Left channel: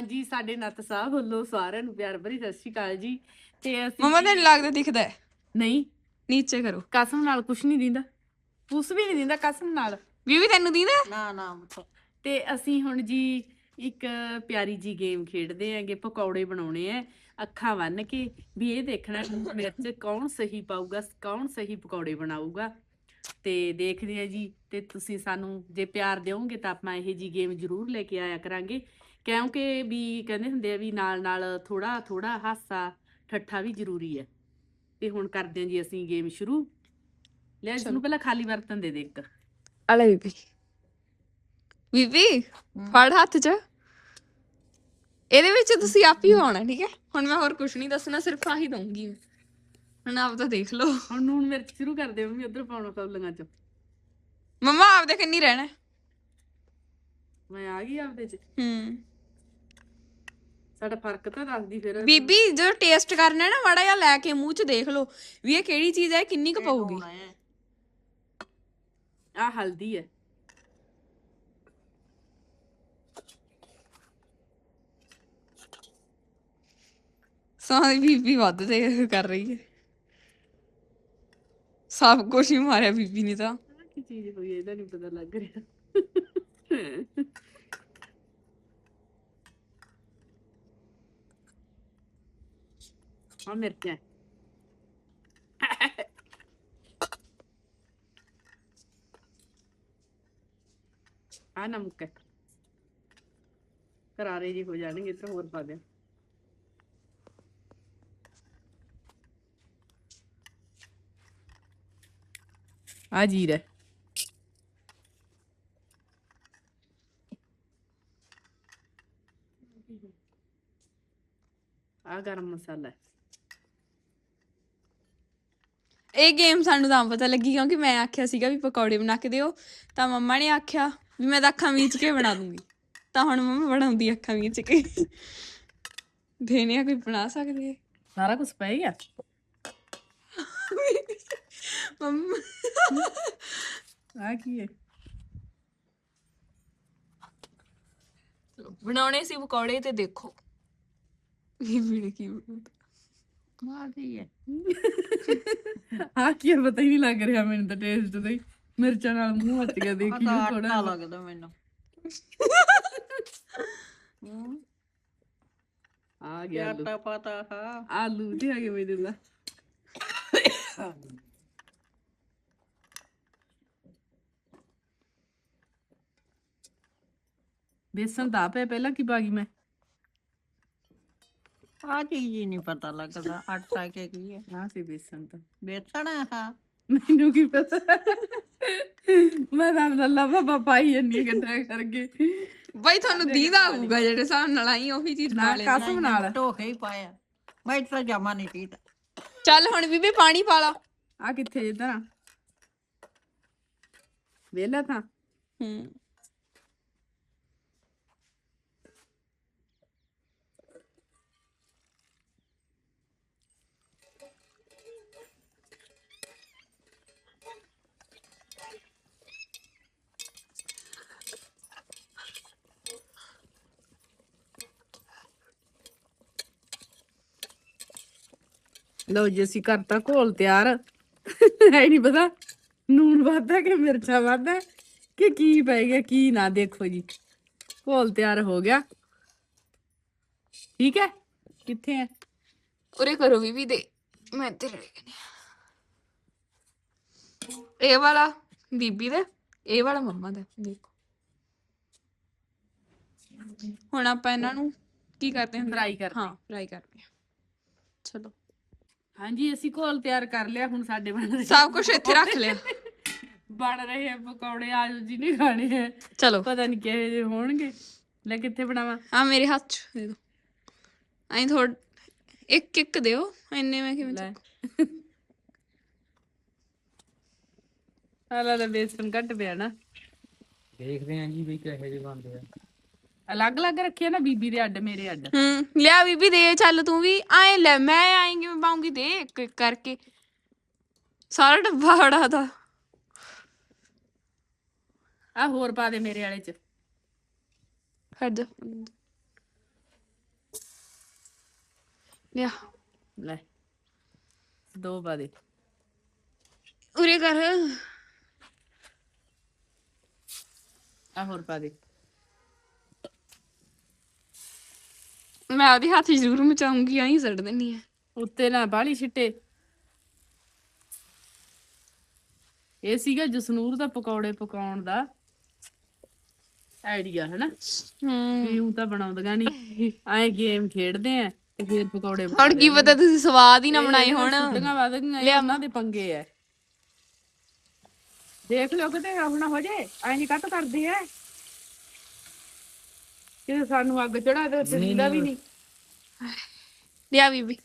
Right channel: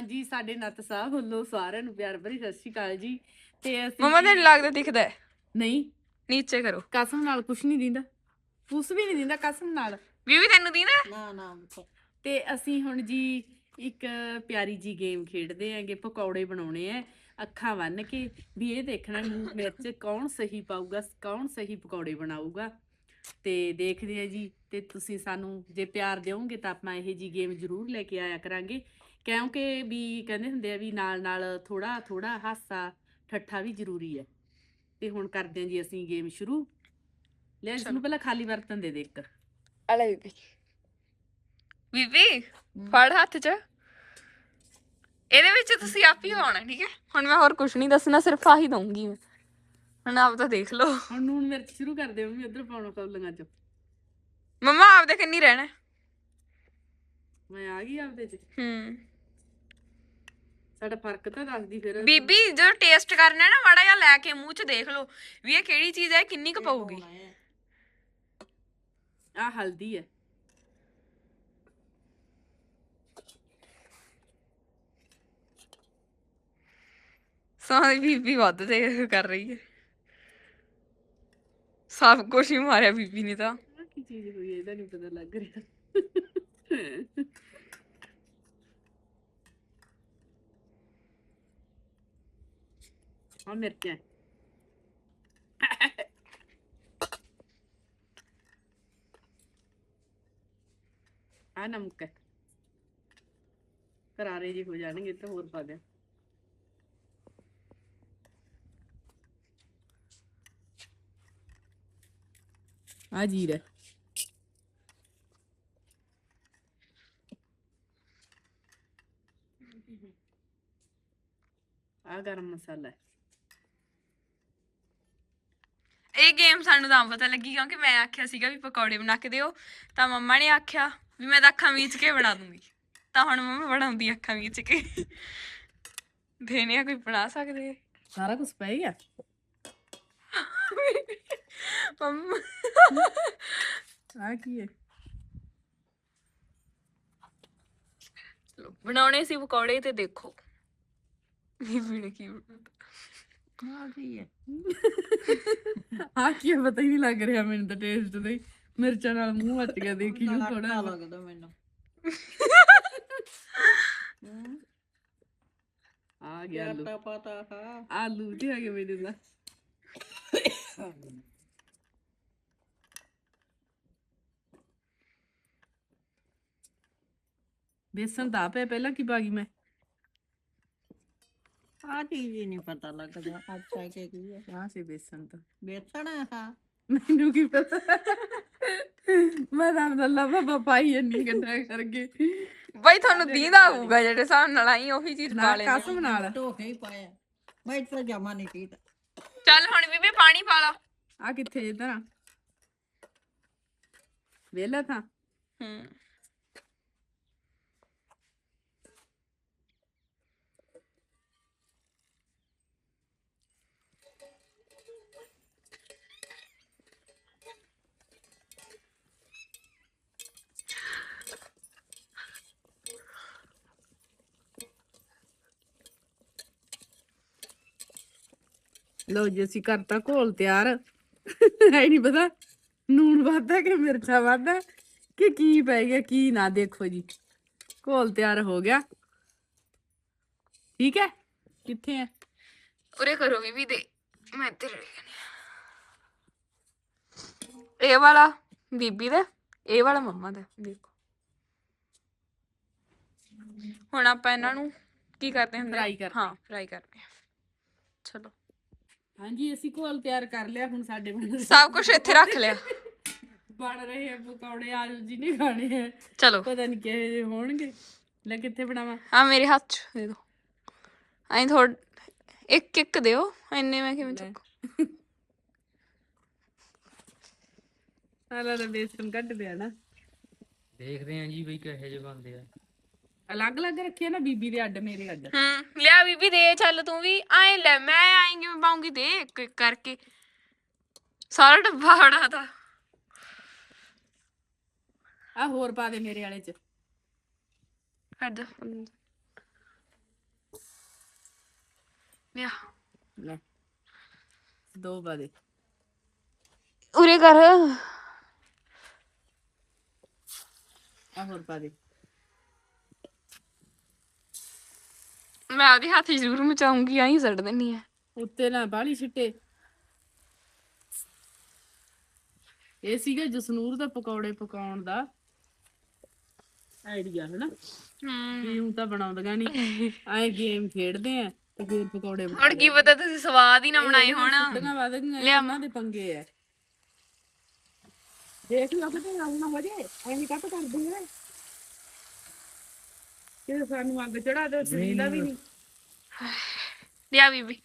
ਹਾਂਜੀ ਸਾਡੇ ਨੱਤ ਸਾਹਿਬ ਵੱਲੋਂ ਸਾਰਿਆਂ ਨੂੰ ਪਿਆਰ ਭਰੀ ਸਤਿ ਸ਼੍ਰੀ ਅਕਾਲ ਜੀ। ਤੇ ਅਸੀਂ ਮਮਾ ਤੈਨੂੰ ਲੱਗਦਾ ਦਿਖਦਾ ਹੈ? ਨਹੀਂ। ਨੀਚੇ ਕਰੋ। ਕਸਮ ਨਾਲ ਕੁਛ ਨਹੀਂ ਦਿੰਦਾ। ਕੁਛ ਵੀ ਨਹੀਂ ਦਿੰਦਾ ਕਸਮ ਨਾਲ। ਬੀਬੀ ਤੈਨੂੰ ਦੀਦਾ ਨਾ ਨਾ ਪੁੱਤ। ਤੇ ਅਸੀਂ ਹੁਣ ਜੀ ਇੱਕ ਪਿਆਰੀ ਜੀ ਗੇਮ ਖੇਡਦੇ ਆਂਗੇ ਪਕੌੜੇ ਬਣਾਉਣੇ ਆ ਅੱਖਾਂ ਬੰਨ ਕੇ। ਵੀ ਇਹ ਦੇਖਣਾ ਮਿਰਚ ਕੌਣ ਸਹੀ ਪਾਊਗਾ ਕੌਣ ਸਹੀ ਪਕੌੜੇ ਬਣਾਊਗਾ। ਤੇ ਦੇਖਦੇ ਆ ਜੀ ਤੇ ਤੁਸੀਂ ਸਾਨੂੰ ਜੇ ਪਿਆਰ ਦਿਓਗੇ ਤਾਂ ਆਪਾਂ ਇਹ ਜੀ ਗੇਮ ਜ਼ਰੂਰ ਲੈ ਕੇ ਆਇਆ ਕਰਾਂਗੇ। ਕਿਉਂਕਿ ਵੀ ਕਹਿੰਦੇ ਹੁੰਦੇ ਆ ਵੀ ਨਾਲ ਨਾਲ ਥੋੜਾ ਥੋੜਾ ਹਾਸਾ ਠੱਠਾ ਵੀ ਜ਼ਰੂਰੀ ਹੈ। ਤੇ ਹੁਣ ਕਰਦੇ ਹਾਂ ਜੀ ਅਸੀਂ ਗੇਮ ਸ਼ੁਰੂ। ਲੈ ਇਸ ਨੂੰ ਪਹਿਲਾਂ ਖਾਲੀ ਬਰਤਨ ਦੇ ਦੇ ਇੱਕ। ਅਲੇ ਬੀਬੀ। ਬੀਬੀ ਫੜ ਹੱਥ 'ਚ। ਇਹਦੇ ਵਿੱਚ ਤੁਸੀਂ ਆਪ ਹੀ ਪਾਉਣਾ ਠੀਕ ਹੈ? ਹੁਣ ਮੈਂ ਹੋਰ ਕੁਝ ਨਹੀਂ ਦੱਸਣਾ ਸਿਰਫ ਆਹੀ ਦਊਂਗੀ ਮੈਂ। ਹੁਣ ਆਪ ਤਾਂ ਦੇਖ ਲਓ। ਹੁਣ ਨੂਣ ਮਿਰਚ ਸ਼ੁਰੂ ਕਰਦੇ ਹਾਂ ਵੀ ਉਧਰ ਪਾਉਣਾ ਕੌਲੀਆਂ ਚ। ਮਮਾ ਆਪ ਦੇ ਕੰਨੀ ਰਹਿਣਾ ਮੈਂ ਆ ਗਈ ਆਪਦੇ ਚ। ਹੂੰ। ਸਾਡਾ ਫ਼ਰਕ ਤਾਂ ਦੱਸਦੀ ਫਿਰ ਬੀਬੀ ਜਦੋਂ ਟੇਸਟ ਕਰਨਾ ਹੈ ਨਾ ਮਾੜਾ ਜਿਹਾ ਲੈ ਕੇ ਮੂੰਹ 'ਚ ਦੇਖ ਲਓ ਵੀ ਇਹ ਕਿਹੜੀ ਚੀਜ਼ ਹੈ ਕਿੰਨੀ ਕੁ ਹੈ। ਆ ਹਲਦੀ ਹੈ। ਸਾਰੀ ਬੀਬੀ ਵੱਧ ਤੇ ਕਰ ਰਹੀ ਹੈ। ਸਭ ਕੁਝ ਹੀ ਮਾਰਿਆ ਬੀਬੀ ਨੇ ਤਾਂ। ਕੀ ਚੀਜ਼ ਹੋਈ ਇਹਦਾ ਨਹੀਂ ਪਤਾ ਲੱਗ ਰਿਹਾ। ਆ ਮਿਰਚਾਂ ਆ ਨਮਕ ਕਰਾਰੇ ਜੀ ਹੋ ਜਾਣਗੇ ਤੇ ਹੋਰ ਪਾ ਦੇ ਆ ਜੀਰਾ ਹੈ। ਆ ਗਰਮ ਮਸਾਲਾ ਹੈ। ਇਹ ਗੇਮ ਸਾਨੂੰ ਤਾਂ ਪਤਾ ਲੱਗੀ ਕਿਉਂਕਿ ਮੈਂ ਆਖਿਆ ਸੀਗਾ ਵੀ ਪਕੌੜੇ ਬਣਾ ਕੇ ਦਿਓ ਤਾਂ ਮੰਮਾ ਨੇ ਆਖਿਆ ਵੀ ਮੈਂ ਤਾਂ ਅੱਖਾਂ ਮੀਚ ਕੇ ਬਣਾ ਦੂੰਗੀ। ਤਾਂ ਹੁਣ ਮੰਮਾ ਬਣਾਉਂਦੀ ਅੱਖਾਂ ਮੀਚ ਕੇ। ਦੇਨੇ ਆ ਕੋਈ ਬਣਾ ਸਕਦੇ ਆ? ਸਾਰਾ ਕੁਝ ਪੈ ਗਿਆ? ਮੰਮਾ। ਆ ਕੀ ਹੈ? ਚਲੋ, ਬਣਾਉਣੇ ਸੀ ਪਕੌੜੇ ਤੇ ਦੇਖੋ। ਬੀਬੀ ਨੇ ਕੀ ਬਣਾਇਆ ਆ ਕੀ ਹੈ। ਆ ਕੀ ਹੈ ਪਤਾ ਹੀ ਨਹੀਂ ਲੱਗ ਰਿਹਾ ਮੈਨੂੰ ਤਾਂ ਟੇਸਟ ਦਾ ਹੀ ਮਿਰਚਾਂ ਨਾਲ ਮੂੰਹ ਮੱਚ ਗਿਆ ਦੇਖੀ ਤਾਂ ਥੋੜਾ ਲੱਗਦਾ ਮੈਨੂੰ। ਆ ਗਿਆ ਆਲੂ। ਆਟਾ ਪਤਾ ਹਾਂ। ਆਲੂ ਤੇ ਆ ਗਏ ਮੇਰੇ ਨਾਲ ਬੇਸਨ ਦਾ ਪਏ ਪਹਿਲਾਂ ਕੀ ਪਾ ਗਈ ਮੈਂ? ਆ ਚੀਜ਼ ਹੀ ਨਹੀਂ ਪਤਾ ਲੱਗਦਾ ਆਟਾ ਕੇ ਕੀ ਹੈ। ਆ ਸੀ ਬੇਸਨ ਤਾਂ। ਬੇਸਣ ਹੈ ਹਾਂ ਮੈਨੂੰ ਕੀ ਪਤਾ? ਮੈਂ ਤਾਂ ਲੱਲਾ ਬਾਬਾ ਪਾਈ ਜੰਨੀ ਕਿੰਨਾ ਕਰਕੇ ਬਾਈ ਤੁਹਾਨੂੰ ਦੀਦਾ ਆਊਗਾ ਜਿਹੜੇ ਹਿਸਾਬ ਨਾਲ ਆਈ ਉਹੀ ਚੀਜ਼ ਨਾ ਪਾ ਲੈਣੀ ਕਸਮ ਨਾਲ। ਧੋਖੇ ਹੀ ਪਾਇਆ। ਮੈਂ ਤਾਂ ਜਮਾ ਨਹੀਂ ਪੀਤਾ। ਚੱਲ ਹੁਣ ਬੀਬੀ ਪਾਣੀ ਪਾ ਲਾ। ਆ ਕਿੱਥੇ ਇਧਰ ਆ? ਵੇਲਾ ਥਾਂ। ਹੂੰ। ਲਓ ਜੀ ਅਸੀਂ ਕਰਤਾ ਘੋਲ ਤਿਆਰ। ਹੈ ਨਹੀਂ ਪਤਾ ਨੂਣ ਵਾਧਾ ਕਿ ਮਿਰਚਾਂ ਵਾਧਾ ਕਿ ਕੀ ਪੈ ਗਿਆ ਕੀ ਨਾ ਦੇਖੋ ਜੀ। ਘੋਲ ਤਿਆਰ ਹੋ ਗਿਆ। ਠੀਕ ਹੈ? ਕਿੱਥੇ ਹੈ? ਉਰੇ ਕਰੋ ਬੀਬੀ ਦੇ। ਮੈਂ ਇੱਧਰ ਇਹ ਵਾਲਾ ਬੀਬੀ ਦਾ ਇਹ ਵਾਲਾ ਮੰਮਾ ਦਾ ਦੇਖੋ। ਹੁਣ ਆਪਾਂ ਇਹਨਾਂ ਨੂੰ ਕੀ ਕਰਦੇ ਹਾਂ Fry ਕਰਦੇ ਹਾਂ। ਫਰਾਈ ਕਰਦੇ ਹਾਂ। ਚਲੋ। ਹਾਂਜੀ ਅਸੀਂ ਘੋਲ ਤਿਆਰ ਕਰ ਲਿਆ ਹੁਣ ਸਾਡੇ ਬਣ ਰਹੇ ਸਭ ਕੁਝ ਇੱਥੇ ਰੱਖ ਲਿਆ। ਬਣ ਰਹੇ ਆ ਪਕੌੜੇ ਆਜੋ ਜੀ ਨੇ ਖਾਣੇ ਹੈ ਚਲੋ। ਪਤਾ ਨਹੀਂ ਕਿਹੋ ਜਿਹੇ ਹੋਣਗੇ। ਲੈ ਕਿੱਥੇ ਬਣਾਵਾਂ? ਆ ਮੇਰੇ ਹੱਥ ਚ ਦੇ ਦਿਓ ਐਂ ਥੋੜ ਇੱਕ ਇੱਕ ਦਿਓ ਇੰਨੇ ਮੈਂ ਕਿਵੇਂ ਲੈ। ਚੱਕੂ? ਹਾਲਾ ਦਾ ਬੇਸਨ ਘੱਟ ਪਿਆ ਨਾ। ਦੇਖਦੇ ਆਂ ਜੀ ਵੀ ਕਿਹੋ ਜਿਹੇ ਬਣਦੇ ਆ। ਅਲੱਗ-ਅਲੱਗ ਰੱਖਿਆ ਨਾ ਬੀਬੀ ਦੇ ਅੱਡ ਮੇਰੇ ਅੱਡ ਹੂੰ ਲਿਆ ਬੀਬੀ ਦੇ ਚੱਲ ਤੂੰ ਵੀ ਐਂ ਲੈ ਮੈਂ ਐਂ ਕਿਵੇਂ ਪਾਉਂਗੀ ਦੇ ਇੱਕ ਇੱਕ ਕਰਕੇ ਸਾਰਾ ਡੱਬਾ ਬੜਾ ਦਾ ਆ ਹੋਰ ਪਾ ਦੇ ਮੇਰੇ ਵਾਲੇ ਚ ਹੱਦ ਲਿਆ ਲੈ ਦੋ ਪਾ ਦੇ ਉਰੇ ਕਰ ਆ ਹੋਰ ਪਾ ਦੇ ਮੈਂ ਉਹਦੇ ਹੱਥ ਜ਼ਰੂਰ ਮਚਾਉਂਗੀ ਆਈ ਸੱਟ ਦਿੰਨੀ ਆ। ਉੱਤੇ ਨਾ ਬਾਹਲੀ ਛਿੱਟੇ ਇਹ ਸੀਗਾ ਜਸਨੂਰ ਦਾ ਪਕੌੜੇ ਪਕਾਉਣ ਦਾ ਆਈਡੀਆ ਹਨਾ? ਹੂੰ। ਵੀ ਹੁਣ ਤਾਂ ਬਣਾਉਂਦੀਆਂ ਨਹੀਂ ਐ ਗੇਮ ਖੇਡਦੇ ਆ ਤੇ ਫਿਰ ਪਕੌੜੇ ਹੁਣ ਕੀ ਪਤਾ ਤੁਸੀਂ ਸਵਾਦ ਹੀ ਨਾ ਬਣਾਏ ਹੋਣ। ਛੁੱਟੀਆਂ ਵਧ ਗਈਆਂ ਇਹ ਉਹਨਾਂ ਦੇ ਪੰਗੇ ਐ ਦੇਖ ਲਿਓ ਕਿਤੇ ਆਪਣਾ ਹੋ ਜੇ ਐਂ ਨਹੀਂ ਕੱਟ ਕਰਦੇ ਐ ਕਿ ਸਾਨੂੰ ਅੱਗ ਚੜਾ ਦੇ ਤੇ ਦਿੰਦਾ ਵੀ ਨਹੀਂ ਲਿਆ ਬੀਬੀ।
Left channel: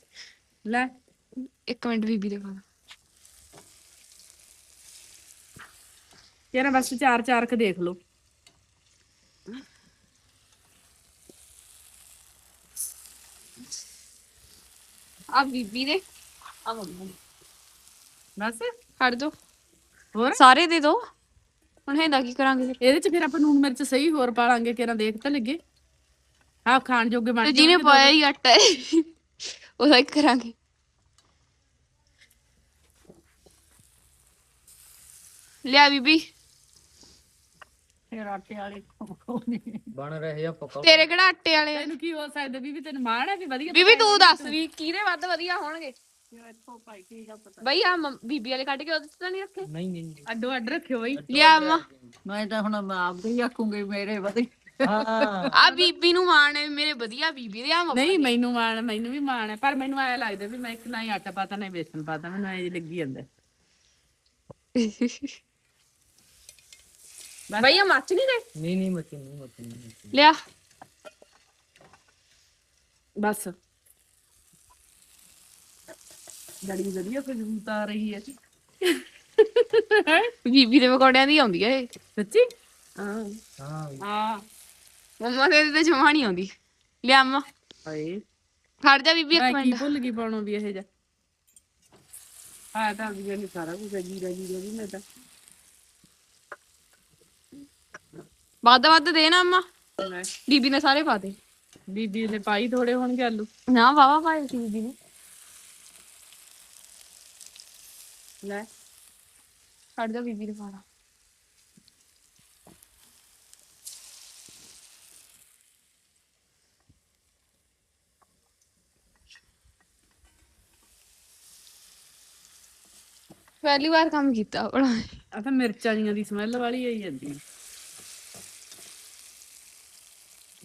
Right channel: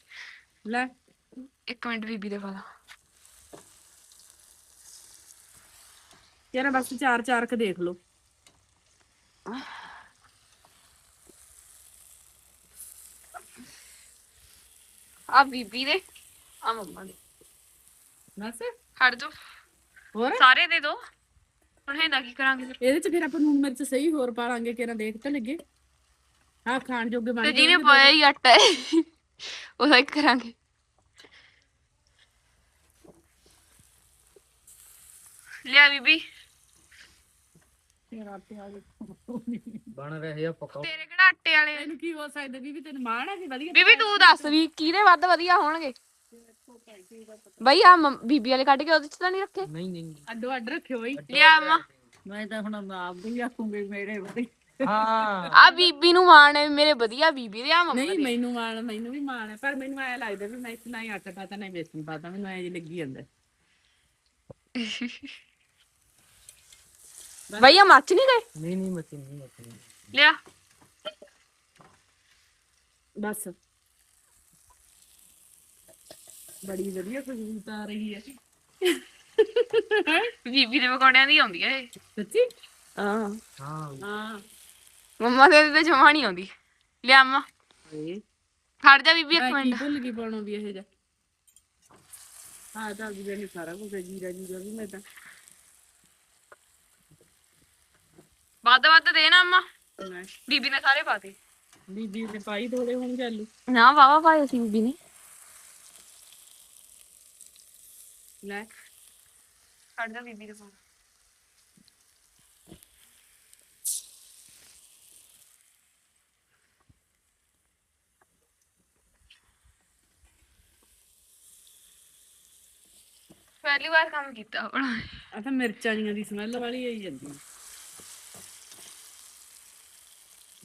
ਲੈ। ਇੱਕ ਮਿੰਟ ਬੀਬੀ ਦੇ ਪਾ ਤੇਰਾ ਬਸ ਚਾਰ ਚਾਰ ਕ ਦੇਖ ਲਓ। ਆ ਬੀਬੀ ਦੇ ਆ ਮੰਮਾ ਦੇ। ਬਸ। ਛੱਡ ਦੋ। ਹੋਰ? ਸਾਰੇ ਦੇ ਦੋ। ਹੁਣ ਇਹਦਾ ਕੀ ਕਰਾਂਗੇ? ਫਿਰ? ਇਹਦੇ ਚ ਫਿਰ ਆਪਾਂ ਨੂਨ ਮਿਰਚ ਸਹੀ ਹੋਰ ਪਾ ਲਾਂਗੇ ਕਿਹੜਾ ਦੇਖ ਤਾਂ ਲੱਗੇ। ਆਹ ਖਾਣ ਜੋਗੇ ਬਣ ਤੇ ਜਿਹਨੇ ਪਾਇਆ ਹੀ ਆਟਾ ਹੈ ਉਹਦਾ ਕੀ ਕਰਾਂਗੇ। ਲਿਆ ਬੀਬੀ। ਫਿਰ ਆਟੇ ਵਾਲੀ ਬਣ ਰਹੇ ਆ ਪਕਾ ਤੇਰੇ ਕਿਹੜਾ ਆਟੇ ਵਾਲੇ? ਤੈਨੂੰ ਕੀ ਹੋ ਸਕਦਾ ਬੀਬੀ? ਤੈਨੂੰ ਮਾਣ ਹੈ ਵੀ ਵਧੀਆ ਬੀਬੀ ਤੂੰ ਦੱਸ ਵੀ ਕਿਹਦੇ ਵੱਧ ਵਧੀਆ ਹੋਣਗੇ? ਬਈ ਆ ਬੀਬੀ ਵਾਲੇ ਕੱਢ ਕੇ ਉਹਦੇ ਚ ਤਾਂ ਨਹੀਂ ਰੱਖੇ? ਨਹੀਂ ਨਹੀਂ। ਅੱਡੋ ਅੱਡ ਰੱਖਿਓ ਬਈ। ਲਿਆ ਮੈਂ। ਤਾਂ ਹੁਣ ਮੈਂ ਆਪਦੇ ਹੀ ਆਖੂੰਗੀ ਮੇਰੇ ਵਧੀਆ। ਹਾਂ। ਆ ਬੀਬੀ ਨੂੰ ਮਾਣ ਹੈ ਮੇਰੇ ਵਧੀਆ ਬੀਬੀ ਦੇ ਆ ਮੰਮਾ ਨਹੀਂ ਮੈਨੂੰ ਮਾਣ ਮੈਨੂੰ ਵੀ ਮਾਣ ਹੈ ਪਰ ਮੈਨੂੰ ਐ ਲੱਗਦਾ ਵੀ ਮੈਂ ਇੱਕ ਨਾ ਹੀ ਆਟਾ ਪਾਤਾ ਨਾ ਹੀ ਬੇਸਨ ਪਾਤਾ ਮੈਨੂੰ ਐ ਜੀ ਲੱਗੀ ਜਾਂਦਾ। ਬਈ ਆ ਮੱਚ ਨਹੀਂ ਗਏ? ਨਹੀਂ ਨਹੀਂ ਮੱਛੀ ਨਹੀਂ ਮੱਛੀ ਨਹੀਂ ਲਿਆ। ਬਸ। ਬੜੀ ਵਧੀਆ ਖੁਸ਼ਬੂ ਆ ਰਹੀ ਹੈ। ਬੀਬੀ ਦੇ ਪਕੌੜਿਆਂ ਦੀ ਆਉਂਦੀ ਹੈ ਇਹ। ਸੱਚੀ? ਹਾਂ। ਹਾਂ। ਹਾਂ। ਮੰਮਾ ਦੇ ਤੇ ਜਮਾ ਨਹੀਂ ਆਉਂਦੀ। ਲਿਆ ਅੰਮਾ ਹਾਏ। ਖੜ ਜਾ ਬੀਬੀ ਮੈਂ ਇੱਕ ਕੀ ਮਿੰਟ। ਭੁੱਲ ਗਈ ਪਾਉਣੋਂ ਵੀ ਇਹ ਜਾ ਹਾਂ ਤਾਂ ਵੀ ਨੇ ਸਾਰਾ ਕੁਝ ਜੀਰਾ ਜੀਰਾ ਵੀ ਮੈਂ ਤਾਂ। ਵੱਧ ਵੱਧ ਦੇ ਨਾ ਅੰਮਾ ਲੈ, ਬੀਬੀ ਨੇ ਸਾਰੇ ਪਾ ਦੇ। ਬੀਬੀ ਨੇ ਪਾਈ ਥੋੜੇ ਹੋਣਗੇ ਆਲੂ। ਨਾ ਵਾਵਾ ਪਾਏ ਸੀ ਬੀਬੀ ਨੇ। ਲੈ। ਖੜ ਜਾ ਬੀਬੀ ਦੇ ਪਾਣਾ ਪਹਿਲੀ ਵਾਰ ਕੰਮ ਕੀਤਾ ਬੜਾ ਆ ਤਾਂ ਮਿਰਚਾਂ ਜੀਆਂ ਦੀ ਸਮੈਲ ਵਾਲੀ ਆਈ ਜਾਂਦੀ ਹੈ।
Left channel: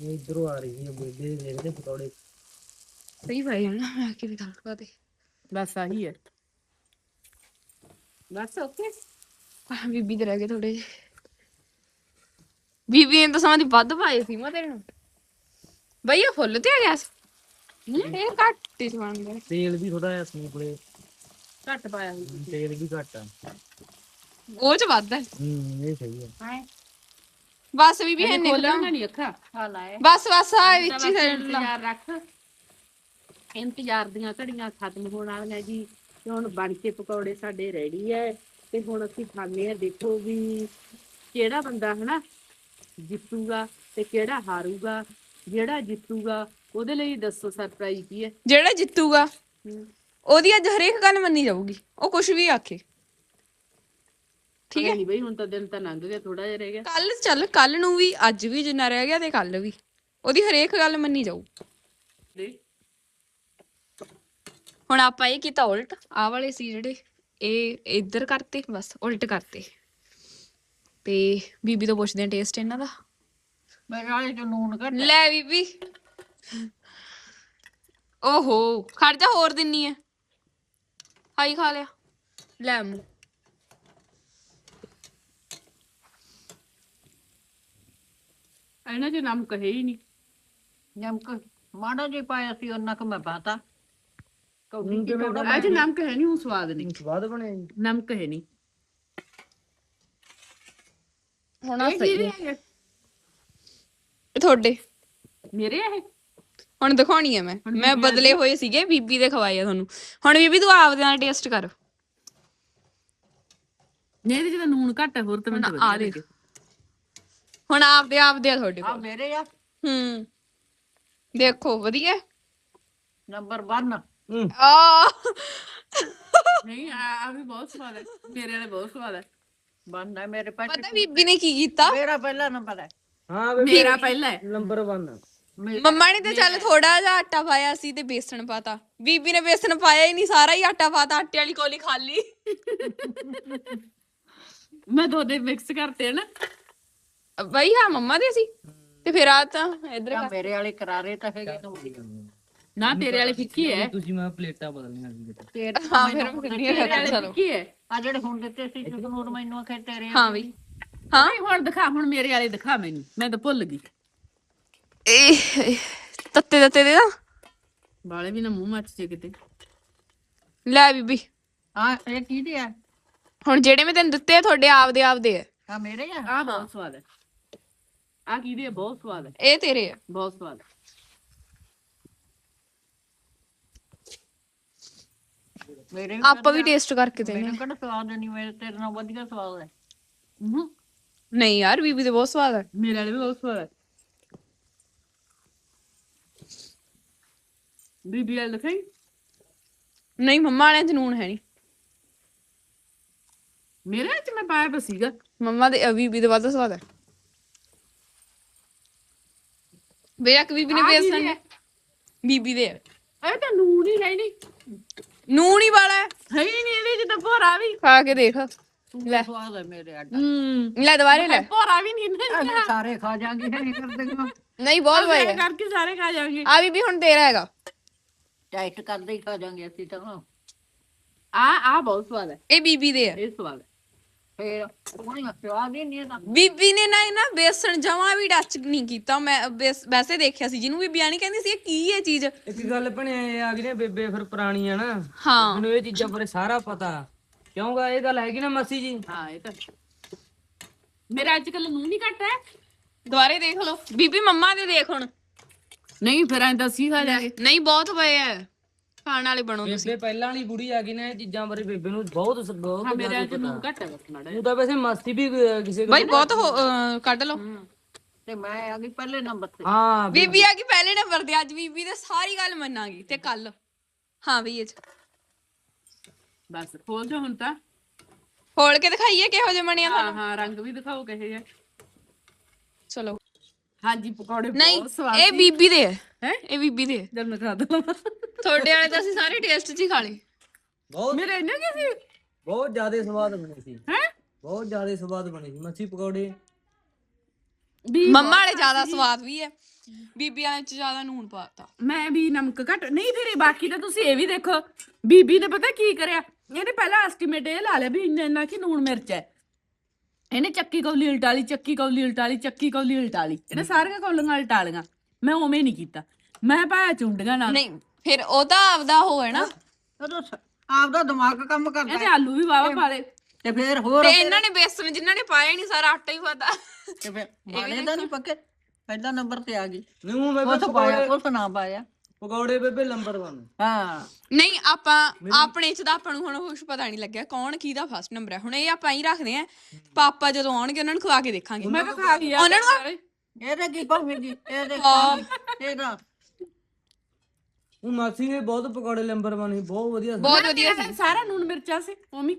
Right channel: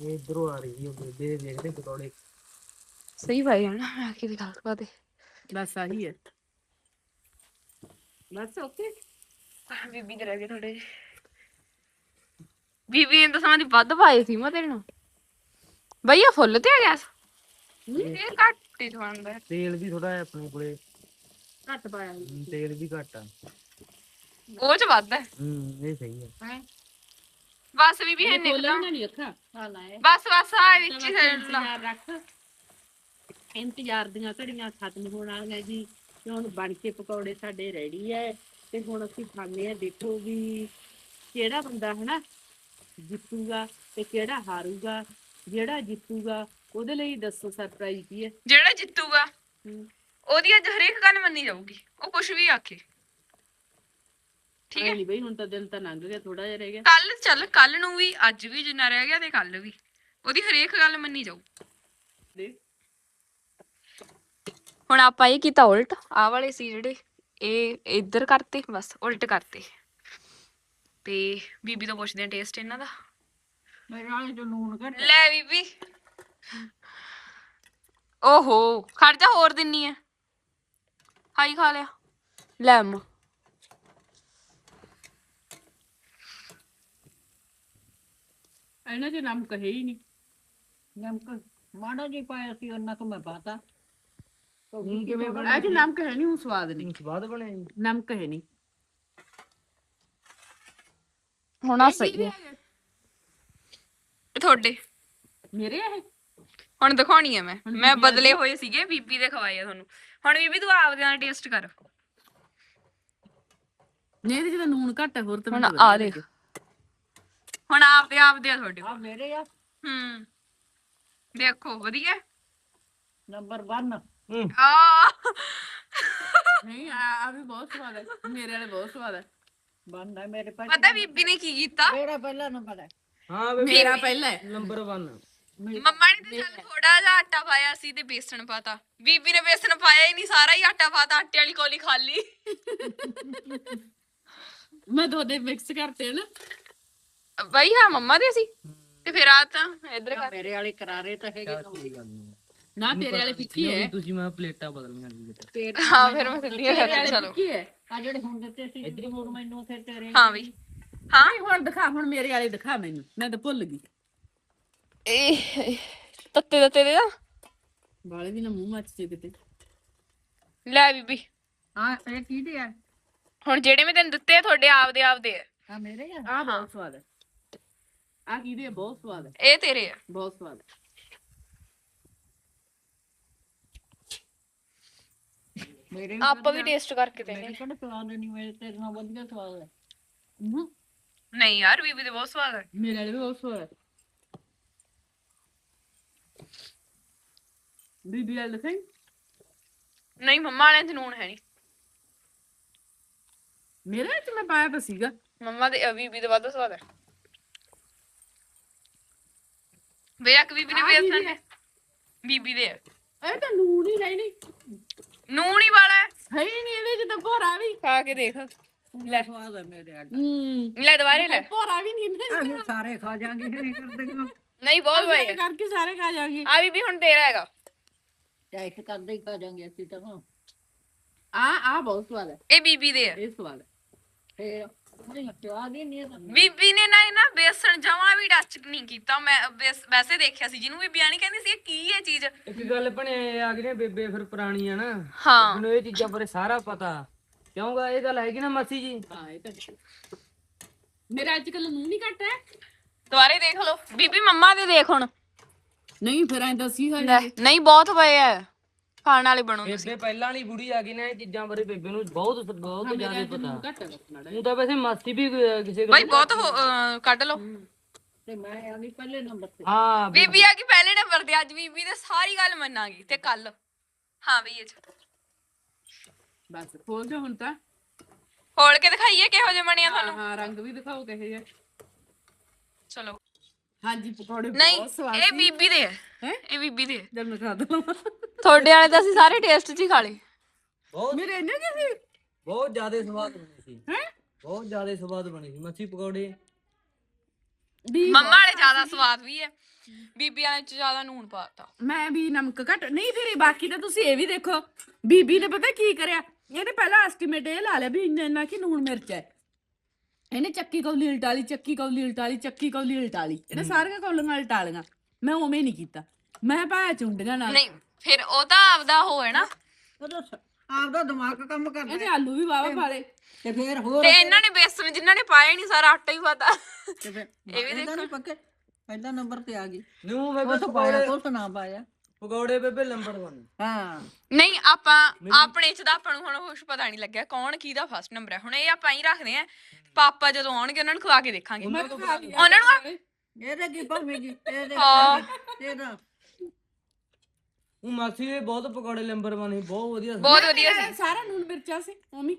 ਇਹ ਇਧਰੋਂ ਆ ਰਹੀ ਹੈ ਬੇਬੇ ਦੇਖਦੇ ਪਕੌੜੇ। ਸਹੀ ਭਾਈ ਹੈ ਨਾ ਮੈਂ ਕਿਤੇ ਗੱਲ ਪਾ ਦੇ। ਬਸ ਆਹੀ ਹੈ ਬਸ ਓਕੇ। ਬੀਬੀ ਦੇ ਰਹਿ ਗਏ ਥੋੜੇ ਜਿਹੇ। ਬੀਬੀ ਨੇ ਤਾਂ ਸਮਾਂ ਦੀ ਵੱਧ ਪਾਏ ਸੀ ਮੈਂ ਤੈਨੂੰ। ਭਈਆ ਫੁੱਲ ਤੇ ਆ ਗੈਸ ਇਹ ਘੱਟ ਹੀ ਸਵਾਂਦਾ ਤੇਲ ਵੀ ਥੋੜਾ ਜਿਹਾ ਆਪਣੇ ਕੋਲੇ ਘੱਟ ਪਾਇਆ। ਹਮ, ਤੇਲ ਵੀ ਘੱਟ ਆ। ਉਹ ਚ ਵੱਧ ਹੈ ਹੂੰ ਇਹ ਸਹੀ ਹੈ ਹੈਂ? ਬਸ ਬੀਬੀ ਹੈ ਖੋਲਣਾ ਨਹੀਂ ਅੱਖਾਂ? ਆ ਲਾਏ ਬਸ ਬਸ ਆ ਵਿੱਚ ਹੀ ਲਾ ਇੰਤਜ਼ਾਰ ਰੱਖ। ਇੰਤਜ਼ਾਰ ਦੀਆਂ ਘੜੀਆਂ ਖਤਮ ਹੋਣ ਵਾਲੀਆਂ ਜੀ। ਤੇ ਹੁਣ ਬਣ ਕੇ ਪਕੌੜੇ ਸਾਡੇ ਰੈਡੀ ਐ। ਤੇ ਹੁਣ ਅਸੀਂ ਖਾਣੇ ਆ ਦੇਖੋ ਵੀ ਕਿਹੜਾ ਬੰਦਾ ਹਨਾ ਜਿੱਤੂਗਾ ਤੇ ਕਿਹੜਾ ਹਾਰੂਗਾ। ਜਿਹੜਾ ਜਿੱਤੂਗਾ ਉਹਦੇ ਲਈ ਦੱਸੋ ਸਰਪ੍ਰਾਈਜ਼ ਕੀ ਹੈ ਜਿਹੜਾ ਜਿੱਤੂਗਾ। ਹਮ, ਉਹਦੀ ਅੱਜ ਹਰੇਕ ਗੱਲ ਮੰਨੀ ਜਾਊਗੀ। ਉਹ ਕੁਝ ਵੀ ਆਖੇ। ਠੀਕ ਐਂ ਨੀ ਬਈ ਹੁਣ ਤਾਂ ਦਿਨ ਤਾਂ ਲੰਘ ਗਿਆ ਥੋੜਾ ਜਿਹਾ ਰਹਿ ਗਿਆ। ਕੱਲ ਚੱਲ ਕੱਲ ਨੂੰ ਵੀ ਅੱਜ ਵੀ ਜਿੰਨਾ ਰਹਿ ਗਿਆ ਤੇ ਕੱਲ ਵੀ। ਉਹਦੀ ਹਰੇਕ ਗੱਲ ਮੰਨੀ ਜਾਊ। ਦੇ। ਹੁਣ ਆਪਾਂ ਇਹ ਕੀਤਾ ਉਲਟ। ਆ ਵਾਲੇ ਸੀ ਜਿਹੜੇ ਇਹ ਇੱਧਰ ਕਰਤੇ ਬਸ ਉਲਟ ਕਰਤੇ। ਤੇ ਬੀਬੀ ਤੋਂ ਪੁੱਛਦੇ ਆ ਟੇਸਟ ਇਹਨਾਂ ਦਾ। ਮੇਰੇ ਵਾਲੇ ਚ ਨੂਨ ਘੱਟ ਲੈ ਬੀਬੀ। ਓਹੋ ਖੜ ਜਾ ਹੋਰ ਦਿੰਨੀ ਆ। ਹਾਈ ਖਾ ਲਿਆ। ਲੈ ਅੰਮਾ। ਇਹਨਾਂ 'ਚ ਨਮਕ ਹੈ ਹੀ ਨਹੀਂ। ਨਮਕ ਮਾੜਾ ਜਿਹਾ ਪਾਇਆ ਸੀ ਉਹਨਾਂ ਕੁ ਮੈਂ ਪਾਤਾ। ਕੌਡੀ ਕਿਵੇਂ ਥੋੜਾ ਇਹ 'ਚ ਨਮਕ ਹੈ ਨਹੀਂ ਉਹ ਸਵਾਦ ਨਹੀਂ। ਸਵਾਦ ਬਣਿਆ ਜੀ। ਨਮਕ ਹੈ ਨਹੀਂ। ਹੁਣ ਸਹੀ ਹੈ। ਇਹ? ਤੁਹਾਡੇ। ਮੇਰੇ ਇਹ? ਹੁਣ ਦਿਖਾਉਣੀ ਆ ਮੈਂ। ਮੈਂ ਬਦਲੇ ਹੋਏ ਸੀਗੇ ਬੀਬੀ ਦੇ ਖਵਾਏ ਆ ਤੁਹਾਨੂੰ। ਹੁਣ ਬੀਬੀ ਤੂੰ ਆਪਦੇ ਨਾਲ ਟੇਸਟ ਕਰ। ਨਹੀਂ ਇਹਦੇ ਤਾਂ ਨੂਨ ਘੱਟ ਹੈ ਹੋਰ ਤਾਂ ਮੈਨੂੰ ਆ ਦੇਖ। ਹੁਣ ਆਪਦੇ ਆਪਦੇ ਆ ਤੁਹਾਡੇ ਆ ਕੋਲ ਮੇਰੇ ਆ? ਹੂੰ। ਦੇਖੋ ਵਧੀਆ। ਨੰਬਰ 1 ਆ। ਨਹੀਂ ਆ ਆ ਵੀ ਬਹੁਤ ਸਵਾਦ ਹੈ ਮੇਰੇ ਵਾਲੇ ਬਹੁਤ ਸਵਾਦ ਹੈ ਬੰਦਾ ਮੇਰੇ ਪਾਸ ਪਤਾ ਬੀਬੀ ਨੇ ਕੀ ਕੀਤਾ? ਮੇਰਾ ਪਹਿਲਾ ਨੰਬਰ ਹੈ ਹਾਂ ਮੇਰਾ ਪਹਿਲਾ ਹੈ। ਨੰਬਰ 1 ਮੰਮਾ ਨੇ ਤੇ ਚੱਲ ਥੋੜਾ ਜਿਹਾ ਆਟਾ ਪਾਇਆ ਸੀ ਤੇ ਬੇਸਣ ਪਾਤਾ। ਬੀਬੀ ਨੇ ਬੇਸਣ ਪਾਇਆ ਹੀ ਨਹੀਂ ਸਾਰਾ ਹੀ ਆਟਾ ਪਾਤਾ ਆਟੇ ਵਾਲੀ ਕੋਲੀ ਖਾਲੀ। ਮੈਂ ਦੋਨੇ ਮਿਕਸ ਕਰਤੇ ਨਾ। ਬਈ ਹਾਂ ਮੰਮਾ ਦੇ ਸੀ? ਤੇ ਫਿਰ ਆ ਤਾਂ ਇਧਰ ਕਰ। ਮੇਰੇ ਵਾਲੇ ਕਰਾਰੇ ਤਾਂ ਹੈਗੇ ਨਾ ਨਾ ਤੇਰੇ ਵਾਲੀ ਫਿੱਕੀ ਹੈ। ਤੁਸੀਂ ਮੈਂ ਪਲੇਟਾਂ ਬਦਲਣੀਆਂ ਤੇਰੇ ਹਾਂ ਫਿਰ ਮੈਂ ਹਾਂ ਵਾਲੀ ਚਲੋ। ਫਿੱਕੀ ਹੈ। ਆ ਜਿਹੜੇ ਹੁਣ ਦਿੱਤੇ ਸੀ ਜਦੋਂ ਹੁਣ ਮੈਨੂੰ ਆਖੇ ਤੇਰੇ ਹਾਂ ਬਈ। ਹਾਂ? ਹੁਣ ਦਿਖਾ ਹੁਣ ਮੇਰੇ ਵਾਲੇ ਦਿਖਾ ਮੈਨੂੰ। ਮੈਂ ਤਾਂ ਭੁੱਲ ਗਈ। ਇਹ ਤੱਤੇ ਤੱਤੇ ਦੇ ਨਾ ਵਾਲੇ ਵੀ ਨਾ ਮੂੰਹ ਮੱਚ ਜੇ ਕਿਤੇ ਲੈ ਬੀਬੀ ਹਾਂ ਇਹ ਕਿਹਦੇ ਆ ਹੁਣ ਜਿਹੜੇ ਮੈਂ ਤੈਨੂੰ ਦਿੱਤੇ ਆ ਤੁਹਾਡੇ ਆਪਦੇ ਆਪਦੇ ਆ। ਆ ਮੇਰੇ ਆ? ਆ ਬਹੁਤ ਸਵਾਦ ਹੈ। ਆ ਕਿਹਦੇ ਹੈ ਬਹੁਤ ਸਵਾਦ ਹੈ। ਇਹ ਤੇਰੇ ਆ। ਬਹੁਤ ਸਵਾਦ ਹੈ। ਮੇਰੇ ਆਪਾਂ ਵੀ ਟੇਸਟ ਕਰਕੇ ਦੇਖਦੇ ਮੈਨੂੰ ਕਿਹੜਾ ਸਵਾਦ ਨਹੀਂ ਮੇਰੇ ਤੇਰੇ ਨਾਲ ਵਧੀਆ ਸਵਾਦ ਹੈ। ਹੂੰ। ਨਹੀਂ ਯਾਰ ਬੀਬੀ ਤੇ ਬਹੁਤ ਸਵਾਦ ਹੈ ਮੇਰੇ ਵਾਲੇ ਵੀ ਬਹੁਤ ਸਵਾਦ ਹੈ। ਬੀਬੀ ਵਾਲੇ ਦਿਖਾਈ? ਨਹੀਂ ਮੰਮਾ ਵਾਲਿਆਂ ਚ ਨੂਨ ਹੈ ਨਹੀਂ ਮੇਰੇ ਵਿੱਚ ਮੈਂ ਪਾਇਆ ਤਾਂ ਸੀਗਾ। ਮੰਮਾ ਦੇ ਅ, ਬੀਬੀ ਦੇ ਵੱਧ ਸਵਾਦ ਹੈ ਬੇਅਕ ਬੀਬੀ ਨੇ ਆਹ ਬੇਸਣ? ਬੀਬੀ ਦੇ। ਇਹ ਤਾਂ ਨੂਨ ਹੀ ਨਹੀਂ। ਨੂਨ ਹੀ ਵਾਲਾ ਹੈ। ਹੈ ਹੀ ਨਹੀਂ ਇਹਦੇ ਚ ਤਾਂ ਭੋਰਾ ਵੀ। ਖਾ ਕੇ ਦੇਖ। ਲੈ। ਸਵਾਦ ਹੈ ਮੇਰੇ ਆ ਹੂੰ। ਲੈ ਦੁਬਾਰੇ ਲੈ। ਭੋਰਾ ਵੀ ਨਹੀਂ ਸਾਰੇ ਖਾ ਜਾਾਂਗੇ ਨਹੀਂ ਬਹੁਤ ਵਧੀਆ ਕਰਕੇ ਸਾਰੇ ਖਾ ਜਾਵਾਂਗੇ ਆ ਬੀਬੀ ਹੁਣ ਤੇਰਾ ਹੈਗਾ। ਟੈਸਟ ਕਰਦੇ ਹੀ ਖਾ ਜਾਾਂਗੇ ਅਸੀਂ ਤਾਂ। ਆ ਆ ਬਹੁਤ ਸਵਾਦ ਹੈ। ਇਹ ਬੀਬੀ ਦੇ ਆ। ਇਹ ਸਵਾਦ ਹੈ। ਫੇਰ ਉਹਨੇ ਸਵਾਦ ਹੀ ਨਹੀਂ ਇਹਦਾ ਬੀਬੀ ਨੇ ਨਾ ਇਹ ਨਾ ਬੇਸਣ ਜਮਾ ਵੀ ਟੱਚ ਨਹੀਂ ਕੀਤਾ। ਮੈਂ ਬੇਸ- ਵੈਸੇ ਦੇਖਿਆ ਸੀ ਜਿਹਨੂੰ ਬੀਬੀ ਆਣੀ ਕਹਿੰਦੀ ਸੀ ਇਹ ਕੀ ਇਹ ਚੀਜ਼? ਇੱਕ ਗੱਲ ਭਣੇ ਆ ਗਈ ਨੇ ਬੇਬੇ ਫਿਰ ਪੁਰਾਣੀ ਆ ਨਾ। ਹਾਂ। ਮੈਨੂੰ ਇਹ ਚੀਜ਼ਾਂ ਬਾਰੇ ਸਾਰਾ ਪਤਾ। ਕਿਉਂਗਾ ਇਹ ਗੱਲ ਹੈਗੀ ਨਾ ਮਾਸੀ ਜੀ? ਹਾਂ ਇਹ ਤਾਂ ਮੇਰਾ ਅੱਜ ਕੱਲ ਨੂਨ ਨਹੀਂ ਘੱਟ ਹੈ। ਦੁਬਾਰੇ ਦੇਖ ਲਓ। ਬੀਬੀ ਮੰਮਾ ਦੇ ਦੇਖ ਹੁਣ। ਨਹੀਂ ਫਿਰ ਐਂ ਦੱਸੀ ਖਾ ਜਾਏ ਨਹੀਂ ਬਹੁਤ ਪਏ ਆ ਖਾਣ ਵਾਲੇ ਬਣੋ ਤੁਸੀਂ। ਬੇਬੇ ਪਹਿਲਾਂ ਵਾਲੀ ਬੁੜੀ ਆ ਗਈ ਨਾ ਇਹ ਚੀਜ਼ਾਂ ਬਾਰੇ ਬੇਬੇ ਨੂੰ ਬਹੁਤ ਬਹੁਤ ਹਾਂ ਮੇਰੇ ਅੱਜ ਨੂਨ ਘੱਟ ਹੈ ਬਸ ਮਾੜਾ ਉਹ ਤਾਂ ਵੈਸੇ ਮਸਤੀ ਵੀ ਅਹ, ਕਿਸੇ ਬਈ ਬਹੁਤ ਹੋ- ਅਹ, ਕੱਢ ਲਓ। ਤੇ ਮੈਂ ਆ ਗਈ ਪਹਿਲੇ ਨੰਬਰ ਤੇ। ਹਾਂ ਬੀਬੀ। ਆ ਗਈ ਪਹਿਲੇ ਨੰਬਰ ਤੇ ਅੱਜ ਬੀਬੀ ਦੇ ਸਾਰੀ ਗੱਲ ਮੰਨਾਂਗੀ ਤੇ ਕੱਲ। ਹਾਂ ਵੀ ਇਹ 'ਚ। ਬਸ ਖੋਲ ਜਾ ਹੁਣ ਤਾਂ। ਖੋਲ ਕੇ ਦਿਖਾਈਏ ਕਿਹੋ ਜਿਹੇ ਬਣਿਆ ਹਾਂ ਤੁਹਾਨੂੰ। ਹਾਂ ਰੰਗ ਵੀ ਦਿਖਾਓ ਕਿਹੇ ਜਿਹਾ। ਚਲੋ। ਹਾਂਜੀ ਪਕੌੜੇ ਨਹੀਂ ਬਹੁਤ ਸਵਾਦ ਇਹ ਬੀਬੀ ਦੇ ਆ। ਹੈ? ਇਹ ਬੀਬੀ ਦੇ ਆ। ਜਦ ਮੈਂ ਖਾ ਦਵਾਂ ਤੁਹਾਡੇ ਵਾਲੇ ਤਾਂ ਅਸੀਂ ਸਾਰੇ ਟੇਸਟ 'ਚ ਹੀ ਖਾ ਲਏ। ਬਹੁਤ ਮੇਰੇ ਇੰਨੇ ਕੀ ਸੀ? ਬਹੁਤ ਜ਼ਿਆਦਾ ਸਵਾਦ ਬਣੀ ਸੀ। ਹੈ? ਬਹੁਤ ਜ਼ਿਆਦਾ ਸਵਾਦ ਬਣੀ ਸੀ। ਮੱਛੀ ਪਕੌੜੇ। ਵੀ ਮੰਮਾ ਵਾਲੇ ਜ਼ਿਆਦਾ ਸਵਾਦ ਵੀ ਹੈ ਬੀਬੀ ਵਾਲੇ 'ਚ ਜ਼ਿਆਦਾ ਨੂਣ ਪਾਤਾ। ਮੈਂ ਵੀ ਨਮਕ ਘੱਟ ਨਹੀਂ ਫਿਰ ਇਹ ਬਾਕੀ ਤਾਂ ਤੁਸੀਂ ਇਹ ਵੀ ਦੇਖੋ। ਬੀਬੀ ਨੇ ਪਤਾ ਕੀ ਕਰਿਆ? ਇਹਨੇ ਪਹਿਲਾਂ ਐਸਟੀਮੇਟ ਇਹ ਲਾ ਲਿਆ ਵੀ ਇੰਨਾ ਇੰਨਾ ਕਿ ਨੂਣ ਮਿਰਚ ਹੈ। ਇਹਨੇ ਚੱਕੀ ਕੌਲੀ ਉਲਟਾਲੀ ਚੱਕੀ ਕੌਲੀ ਉਲਟਾਲੀ ਚੱਕੀ ਕੌਲੀ ਉਲਟਾਲੀ। ਇਹਨੇ ਸਾਰੀਆਂ ਕੌਲੀਆਂ ਉਲਟਾਲੀਆਂ। ਮੈਂ ਉਵੇਂ ਨਹੀਂ ਕੀਤਾ। ਮੈਂ ਪਾਇਆ ਚੁੰਡੀਆਂ ਨਾਲ ਨਹੀਂ ਫਿਰ ਉਹ ਤਾਂ ਆਪਦਾ ਹੋ ਹੈ ਨਾ। ਉਹਦਾ ਸ- ਆਪਦਾ ਦਿਮਾਗ ਕੰਮ ਕਰਦਾ ਇਹਦੇ ਆਲੂ ਵੀ ਵਾਵਾ ਪਾ ਲਏ। ਤੇ ਫੇਰ ਹੋਰ ਤੇ ਇਹਨਾਂ ਨੇ ਬੇਸਣ ਜਿਨ੍ਹਾਂ ਨੇ ਪਾਇਆ ਹੀ ਨਹੀਂ ਸਾਰਾ ਆਟਾ ਹੀ ਪਾਤਾ ਤੇ ਫੇਰ ਦਾ ਨਹੀਂ ਪੱਕੇ। ਪਹਿਲਾ ਨੰਬਰ ਤੇ ਆ ਗਈ। ਨੂੰ ਬੇਬੇ ਕੁਛ ਪਾਇਆ ਕੁਛ ਨਾ ਪਾਇਆ। ਪਕੌੜੇ ਬੇਬੇ ਨੰਬਰ 1 ਹਾਂ। ਨਹੀਂ ਆਪਾਂ ਆਪਣੇ ਚ ਤਾਂ ਆਪਾਂ ਨੂੰ ਹੁਣ ਕੁਛ ਪਤਾ ਨਹੀਂ ਲੱਗਿਆ ਕੌਣ ਕਿਹਦਾ ਫਸਟ ਨੰਬਰ ਹੈ। ਹੁਣ ਇਹ ਆਪਾਂ ਹੀ ਰੱਖਦੇ ਆ ਪਾਪਾ ਜਦੋਂ ਆਉਣਗੇ ਉਹਨਾਂ ਨੂੰ ਖਵਾ ਕੇ ਦੇਖਾਂਗੇ। ਮੈਂ ਤਾਂ ਖਾ ਗਿਆ ਉਹਨਾਂ ਨੂੰ ਇਹਦੇ ਕੀ ਭਾਵੇਗੀ ਇਹਦੇ। ਇਹਦਾ ਉਹ ਮਾਸੀ ਨੇ ਬਹੁਤ ਪਕੌੜੇ ਨੰਬਰ 1 ਸੀ ਬਹੁਤ ਵਧੀਆ ਸੀ। ਬਹੁਤ ਵਧੀਆ ਸੀ। ਸਾਰਾ ਨੂਨ ਮਿਰਚਾਂ ਸੀ ਉਮੀ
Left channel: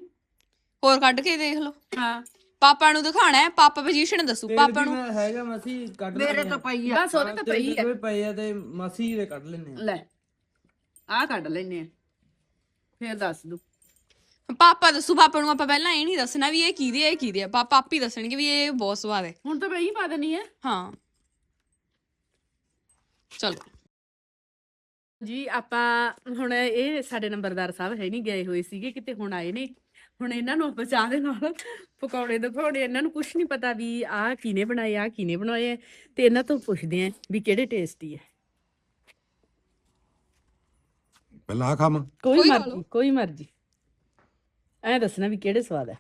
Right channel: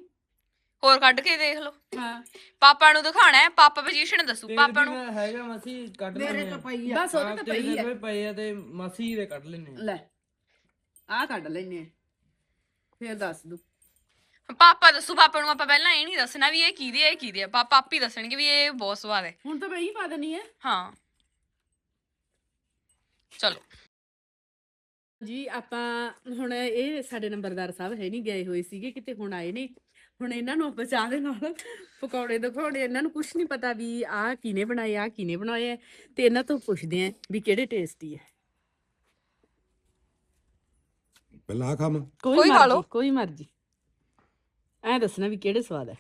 ਹੋਰ ਕੱਢ ਕੇ ਦੇਖ ਲਓ। ਹਾਂ। ਪਾਪਾ ਨੂੰ ਦਿਖਾਣਾ ਹੈ ਪਾਪਾ ਪੋਜੀਸ਼ਨ ਦੱਸੂ ਪਾਪਾ ਨੂੰ। ਹੈਗਾ ਮਾਸੀ ਕੱਢ ਮੇਰੇ ਤਾਂ ਪਈ ਆ। ਬਸ ਉਹਦੇ ਤਾਂ ਪਈ ਆ। ਪਏ ਆ ਤੇ ਮਾਸੀ ਦੇ ਕੱਢ ਲੈਣੇ ਆ ਲੈ ਆਹ ਕੱਢ ਲੈਨੇ ਆ ਫੇਰ ਦੱਸ ਦੂ ਪਾਪਾ ਦੱਸੂ ਪਾਪਾ ਨੂੰ ਆਪਾਂ ਪਹਿਲਾਂ ਇਹ ਨਹੀਂ ਦੱਸਣਾ ਵੀ ਇਹ ਕਿਹਦੇ ਆ ਇਹ ਕਿਹਦੇ ਆ। ਪਾਪਾ ਆਪ ਹੀ ਦੱਸਣਗੇ ਵੀ ਇਹ ਬਹੁਤ ਸਵਾਦ ਹੈ। ਹੁਣ ਤਾਂ ਮੈਂ ਹੀ ਪਾ ਦੇਣੀ ਹੈ। ਹਾਂ। ਚਲੋ। ਜੀ ਆਪਾਂ ਹੁਣ ਇਹ ਸਾਡੇ ਨੰਬਰਦਾਰ ਸਾਹਿਬ ਹੈ ਨਹੀਂ ਗਏ ਹੋਏ ਸੀਗੇ ਕਿਤੇ ਹੁਣ ਆਏ ਨੇ। ਹੁਣ ਇਹਨਾਂ ਨੂੰ ਚਾਹ ਦੇ ਨਾਲ ਪਕੌੜੇ ਦਿਖਾਉਣੇ ਇਹਨਾਂ ਨੂੰ ਕੁਝ ਨਹੀਂ ਪਤਾ ਵੀ ਆਹ ਕਿਹਨੇ ਬਣਾਏ ਆ ਕਿਹਨੇ ਬਣਾਏ ਤੇ ਇਹਨਾਂ ਤੋਂ ਪੁੱਛਦੇ ਆ ਵੀ ਕਿਹੜੇ ਟੇਸਟੀ ਹੈ। ਪਹਿਲਾਂ ਆਹ ਖਾਵਾਂ ਕੋਈ ਖਾ ਮਰਜ਼ੀ, ਲਓ। ਕੋਈ ਮਰਜ਼ੀ। ਐ ਦੱਸਣਾ ਵੀ ਕਿਹੜੇ ਸਵਾਦ ਹੈ।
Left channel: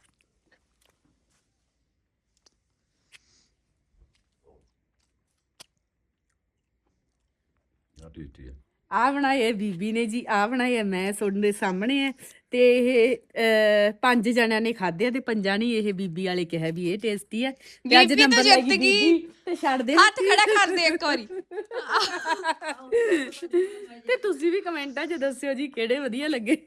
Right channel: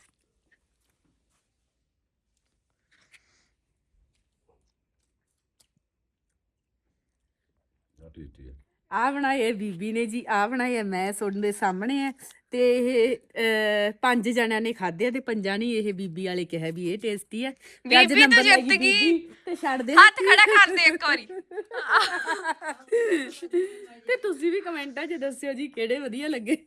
ਆ ਟੇਸਟੀ ਹੈ। ਆ ਬਣਾਏ ਬੀਬੀ ਨੇ ਜੀ ਆ ਬਣਾਏ ਮੈਂ ਤੁਹਾਡੇ ਦੇ ਸਾਹਮਣੇ ਹੈ ਤੇ ਇਹ ਪੰਜ ਜਣਿਆਂ ਨੇ ਖਾਧੇ ਤੇ ਪੰਜਾਂ ਨੇ ਇਹ ਬੀਬੀ ਵਾਲੇ ਕਿਹਾ ਵੀ ਇਹ ਟੇਸਟੀ ਹੈ ਤੇ ਅੱਜ ਨੰਬਰ ਲੈ ਗਈ। ਬੀਬੀ ਤੇ ਛੱਡ ਦੇ। ਹੱਥ ਖੜਾ ਕਰ ਦੇ ਇੱਕ ਵਾਰੀ। ਤੇ ਤੁਸੀਂ ਵੀ ਕਮੈਂਟਾਂ 'ਚ ਦੱਸਿਓ ਜੀ ਕਿਹੜੇ ਵਧੀਆ ਲੱਗੇ।